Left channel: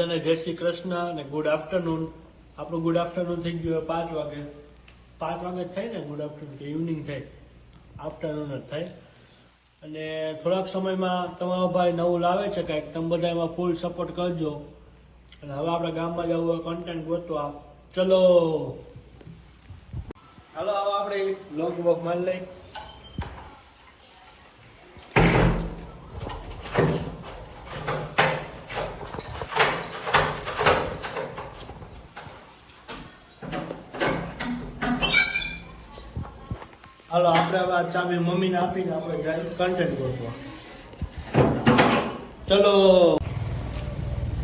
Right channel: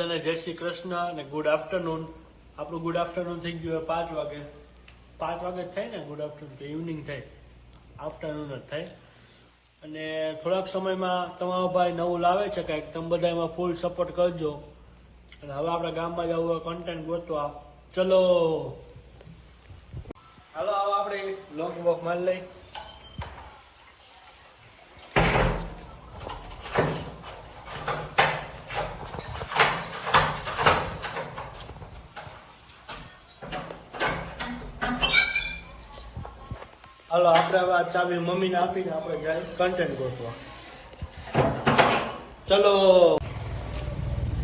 બધાને જય શ્રી કૃષ્ણ અને ગુડ આફ્ટરનૂન. આપણું ગુડ આફ્ટરનૂન થઈ ગયું 5 વાગે. 5 વાગે જ થાય ને ગુડ આફ્ટરનૂન, કે ઇવનિંગ થાય, આફ્ટરનૂન જ થાય. અને થોડાક સમયમાં તમારો ભાઈ નવું લાવે છે કંઈક, તમે બધા એમાં ફૂલ સપોર્ટ કરજો. અને હવે આપણે ગામમાં જવું કન્ટેન્ટ ગોતવા. ચલો હાલો, હવે આપણે લોગ બોગ મારી લઈએ. હાલો આપણે હવે ચાવી મમ્મીને આપીને આપણે કન્ટેન્ટ ગોતવા. ચલો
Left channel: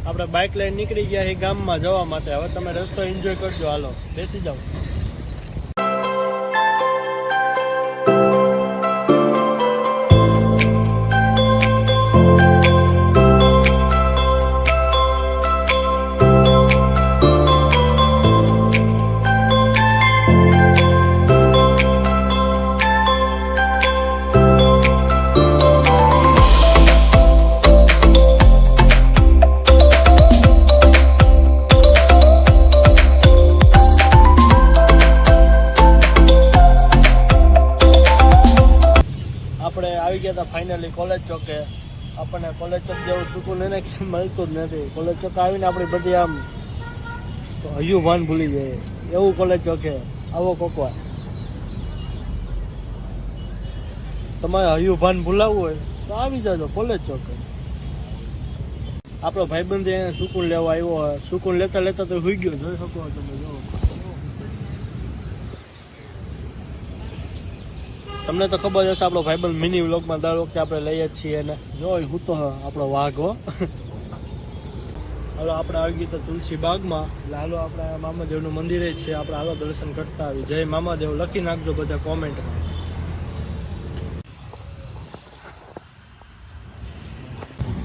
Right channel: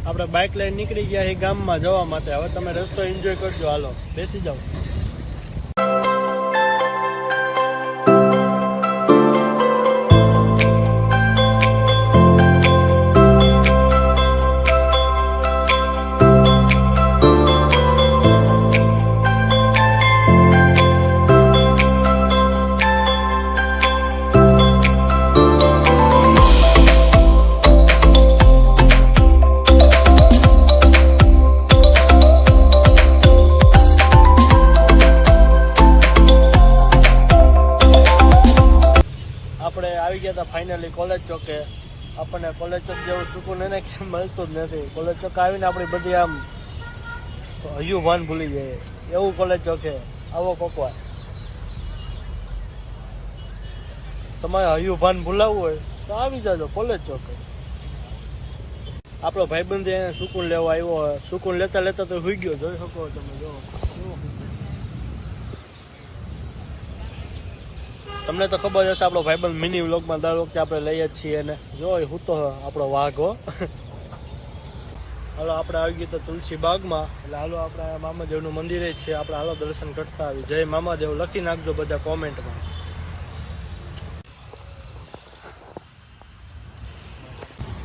આપણે બાઇક લઈને નીકળી ગયા એ ગામમાં જવા માટે. હવે તમે રસ્તો એન્જોય કરજો. હાલો બેસી જાઓ. આપણે આવી ગયા હતા ફાઇનલી કોલેજ ચોકે. આપણને કોલેજ ચોક જેવું સુકૂન એને ક્યાંય મળતું જ નથી. કોલેજ ચોક આવીને આપણી બધી આમ હયું ભાન ભૂલી જાય એવું કોલેજ ચોકે. આવો કોકવાર તમારે હયું ભાન ભૂલાવવું હોય તો આવી જાજો કોલેજ ચોકે. આપણો ભાઈબંધ એને સુકૂન લેવા આવ્યો હોય. સુકૂન લેતા લેતા તો સુઈ ગયો, જોઈ શકો તમે. જો તમને તો ખબર હશે, આપણો ભાઈબંધ મિની વ્લોગમાં દર વખતે આપણે લઈએ જ છીએ. એને જો હું તો આપણો વાઘો. હાલો આપણે આવી ગયું તો તુલસી બાગમાં. એટલે હાલો આપણા મામાદેવનું મંદિર છે. આપણે હાલો દર્શન કરતા આવી. જય મામાદેવ લખી નાખજો બધા કોમેન્ટમાં.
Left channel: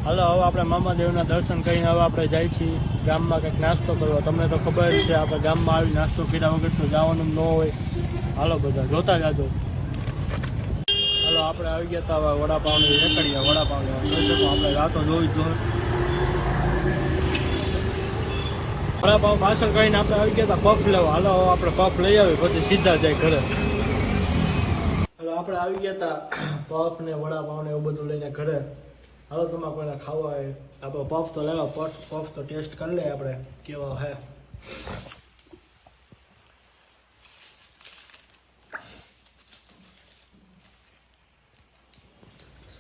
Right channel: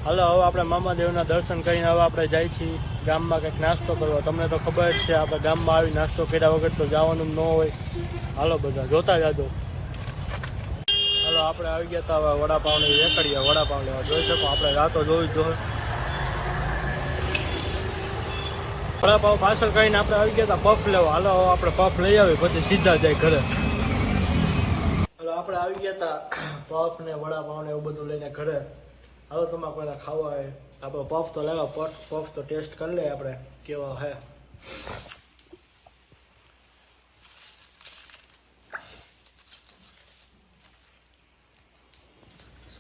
હાલો હવે આપણે મામાદેવના દર્શન કરીને હવે આપણે જઈએ છીએ ગામમાં કંઈક નાસ્તો કરવા. તમને તો ખબર જ છે, આપણે ગામમાં આવી નાસ્તો કર્યા વગર તો જવાનું ન હોય. હાલો બધા જોતા જાજો. આપણે આવી ગયા હતા વડાપાવની વેકડિયા. વડાપાવ જોઈ શકો, આપણે રાતો જોઈ વડાપાવ પાછળ કરીને આપણે આવી ગયા હતા પફ લેવા. હાલો આપણે પફ લઈ આવી પછી સીધા જાય ઘરે. આપણે આવી ગયા હતા પફ ને વડાપાવ ને એવું બધું લઈને ઘરે. હાલો તમારે પહેલાં ખાવા આવે. આપણે પફ તો લાવો, પફ તો ટેસ્ટ કરી લે આપણે કેવા હે.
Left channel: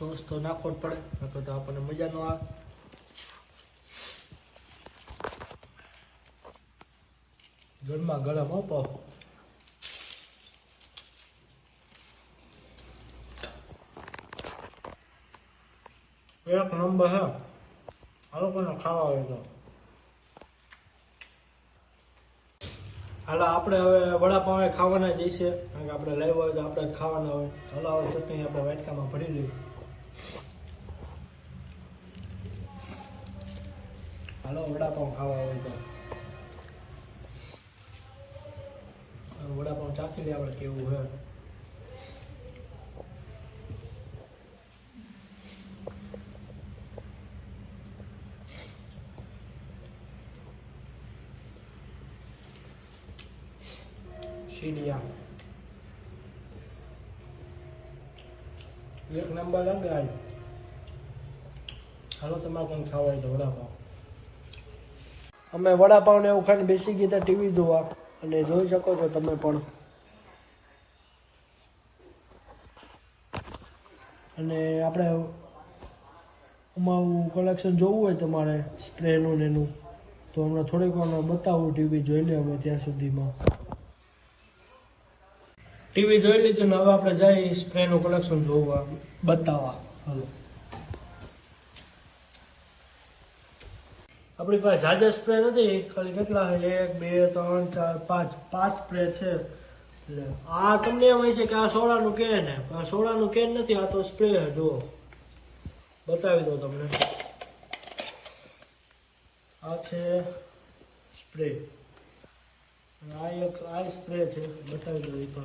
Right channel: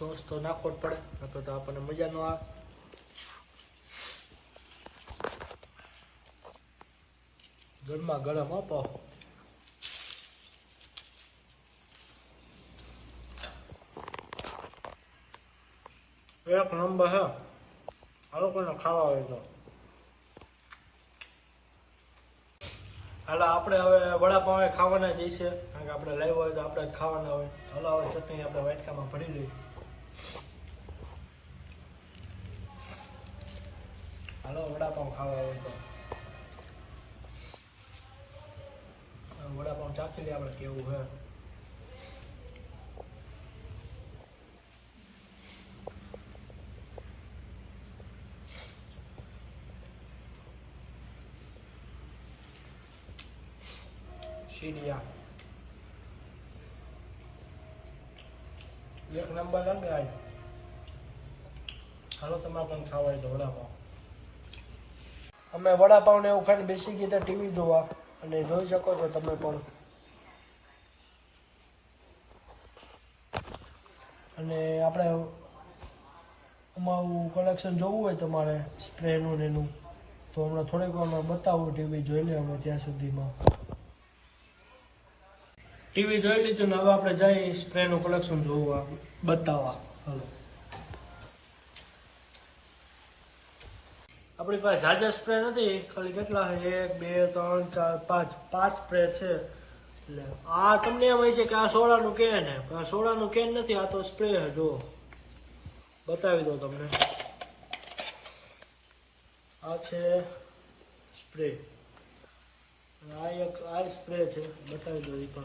સોસ તો નાખવો જ પડે, તો આપણને મજા ન આવે. ગરમા ગરમ હો પફ. એક નંબર હે. હાલો કોને ખાવા આવે તો હાલો આપણે હવે વડાપાવ ખાવાના જ છે, કારણ કે આપણે લાવ્યા હોય તો આપણે જ ખાવાના હોય. હાલો હવે ચટણી આપણે વાટકામાં ભરી લઈએ. હાલો વડાપાવ ખાવા આવે તો વડાપાવ ચાખી લઈએ આપણે કેવું હે. સીડિયા એક નંબર લગાય. હાલો તમારે પણ ખાવા હોય તો વડાપાવ. અમે વડાપાવ ને એવું ખાઈને બેસી ગયા હતા ટીવી જોવા. અને જોઈ શકો છો તમે પણ. અને આપણે અમારું કલેક્શન જોવું હોય તમારે સ્પ્રેનું ને એનું, તો હમણાં થોડીક વાર બતાવું. ટીવી જોઈ લે અમે ત્યાં સુધીમાં. ટીવી જોઈ લીધું ને હવે આપણે જઈએ સ્પ્રેનું કલેક્શન જોવા બતાવવા. હાલો આપણી પાસે જાજા સ્પ્રે નથી, ખાલી કેટલા છે 1 2 3 4 5 સ્પ્રે છે. એટલે આ તમને એમ હોય છે કે આ સોડાનું કેન હે, આ સોડાનું કેન નથી, આ તો સ્પ્રે હે. જો બતાવી દો તમને. આ છે સ્પ્રે, આ સ્પ્રે છે, બતાવી દો. તો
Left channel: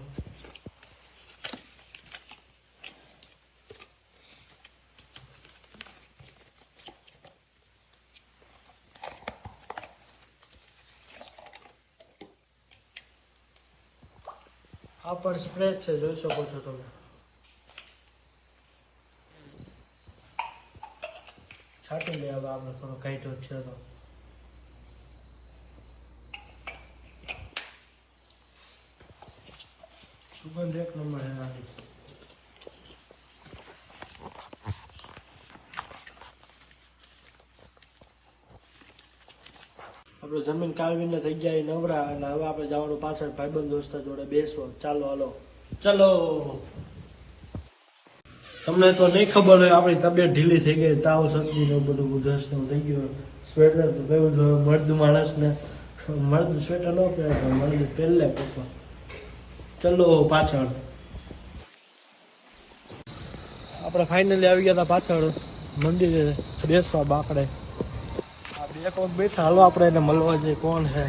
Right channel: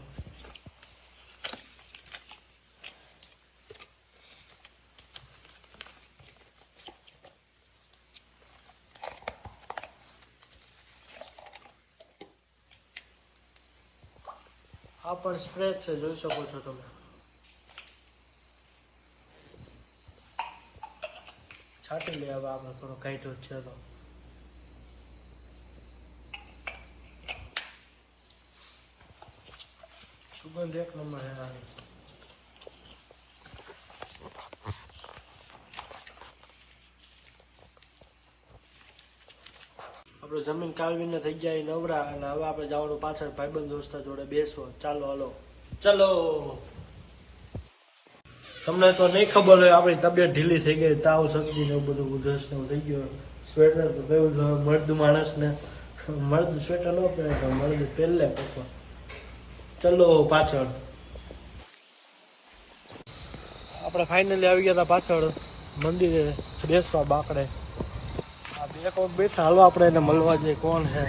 આ પણ સ્ક્રેચ છે, જોઈ શકો છો તમે. છાંટી લે હવે આપણે થોડો કાઢ્યો છે તો. સુગંધ એક નંબર એમાંથી. આપણે જમીન કાળવીને થઈ જાય નવરા અને હવે આપણે જવાનું પાછળ ભાઈબંધ દોસ્તો જોડે બેસવો. ચાલો હાલો ચલો. તમને તો નહીં ખબર હોય આપણી તબિયત ઢીલી થઈ ગઈ, તાવ શરદી ને બધું જસ્ટમ થઈ ગયું. સ્વેટર તો ગયું છે મર્દ માણસને, મર્દ સ્વેટર ન કહેવાય પણ મર્દ પહેલા પહેલો. ચલો પાછળ. આપણે ફાઇનલી આવી ગયા હતા પાછળ મંદિરે બેસવા બાકડે. बैठा हालो अपने ने मलवा जे कौन है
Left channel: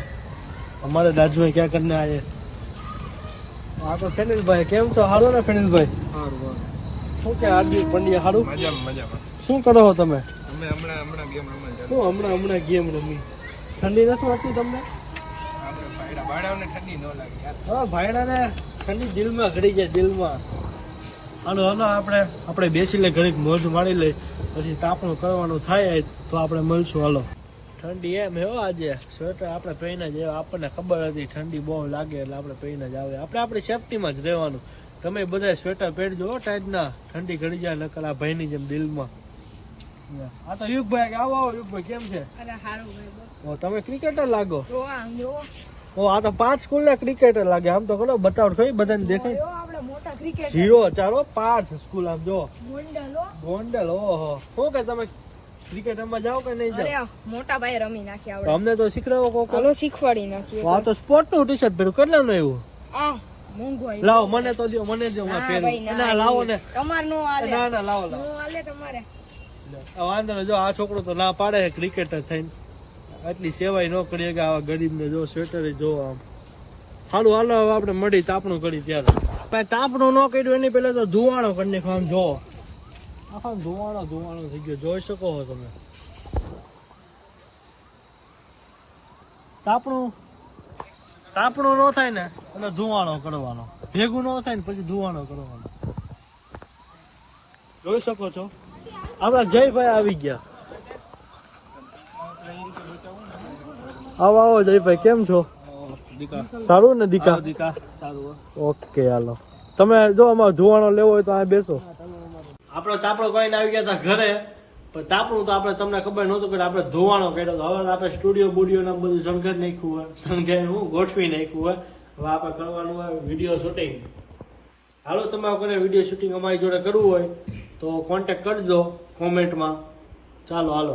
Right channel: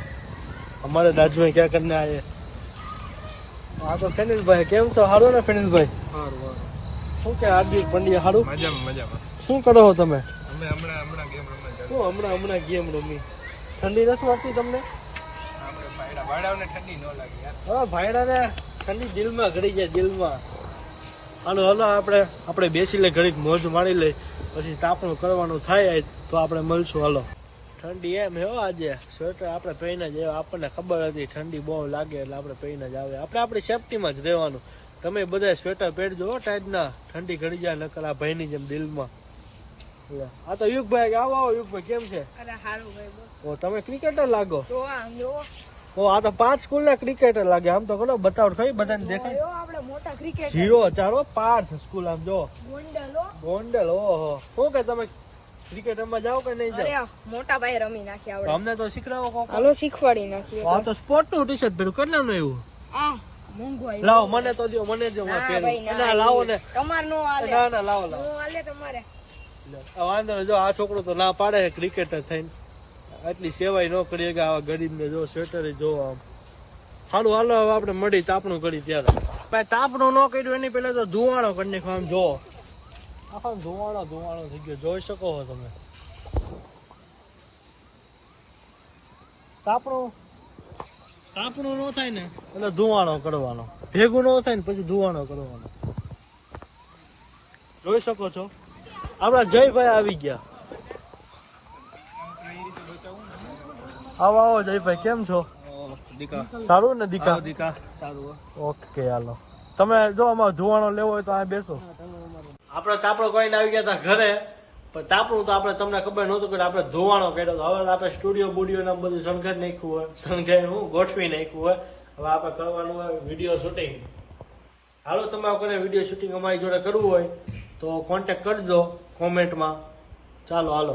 हमारे राज्य में क्या करने आए आगे फिनिल भाई केम से हारे ने फिनिल भाई શું કે આજે બલિયા ખરું શું કરો છો તમે હમણાં ગેમ રમી ઠંડી નથી વાગતી તમને હા ભાઈડાને ઠંડી દિલમાં ઘડી જાય દિલમાં અને હલો આપણે બેસી લે ઘડીક મોજ મારી લે પછી તાપણ કરવાનું થાય તો આપણે મળશું. હાલો ઠંડી એમ હો આજે સ્વેટર આપણે પહેરીને જ આપણને ખબર હતી ઠંડી બહુ લાગે એટલે આપણે પહેરીને જ આવે. આપણે આપણી સેફટીમાં જ રહેવાનું. તમે બધા સ્વેટર પહેરજો ટાઈપના ઠંડી ઘડી જાય નકર આ ભાઈની જેમ દિલમાં. આ તો યુગભાઈ આવો યુગભાઈ કેમ છે? તમે ક્રિકેટર લાગો. આ તો 5 સ્કૂલના ક્રિકેટર લાગે. આમ તો બોલો બતાવો થોડી બધાને દેખાય જીઓ ચાલો 5 સ્કૂલ આમ જો ગોંડલ. ઓહો શું કે તમે ક્રિકેટ રમવા જાઓ કે નહીં જાઓ? મોટા ભાઈ રમી નાખ્યા. અમને તો શીખડાવો કોક. હાલો શીખવાડી નાખ્યો. આ તો સ્પોર્ટ નું ટી શર્ટ પહેરું કરી લો એવું. આ મોંઘું આવી. લાવો મને તો દો મને જો ના લાવો ને તમાર નો આલે. ના લાવો નો આલે તમારે. આ જો આ છોકરો તો ના પાડે ક્રિકેટર થઈને આટલી સેવાય ન કરી કે આવા ગરીબને જો શેતરે જો. સારું હાલો આપણે મળી તાપણું કરી ત્યારે. તાપણું ન કર્યું એની પહેલા તો ધુવાણો કરીને ખામ જો આખા ધુવાણો થઈ ગયો જોઈ શકો છો તમે. તાપણું ન થાય ને એટલે ધુવાણો કરવાનો, ભેગું ન થાય ને પછી ધુવાણો કરવાનો. જોઈ શકો છો આપણા જયભાઈ આવી ગયા. આવો જયભાઈ કેમ છો? સારું ને દીકા? ઓકે હાલો તમે જો અમારે ધુવાણો લેવો હોય તો આ બેસો. આપણે તાપો કહીને આવી ગયા હતા ઘરે પણ તાપણું તો આપણે તમને ખબર નહોતું કે આપણે ધુવાણો કરેલો. હવે આપણે સ્ટુડિયો બુડિયો ને બધું સમજાવી નાખ્યું હોય, સમજાવીને હું ગોઠવી નાખ્યું હોય. હવે આપણે કરવાનું હોય વિડીયો શૂટિંગ. હાલો તમે કોઈ વિડીયો શૂટિંગ અમારી જોડે કરવું હોય તો કોન્ટેક્ટ કરજો કોમેન્ટમાં. ચાલો હાલો.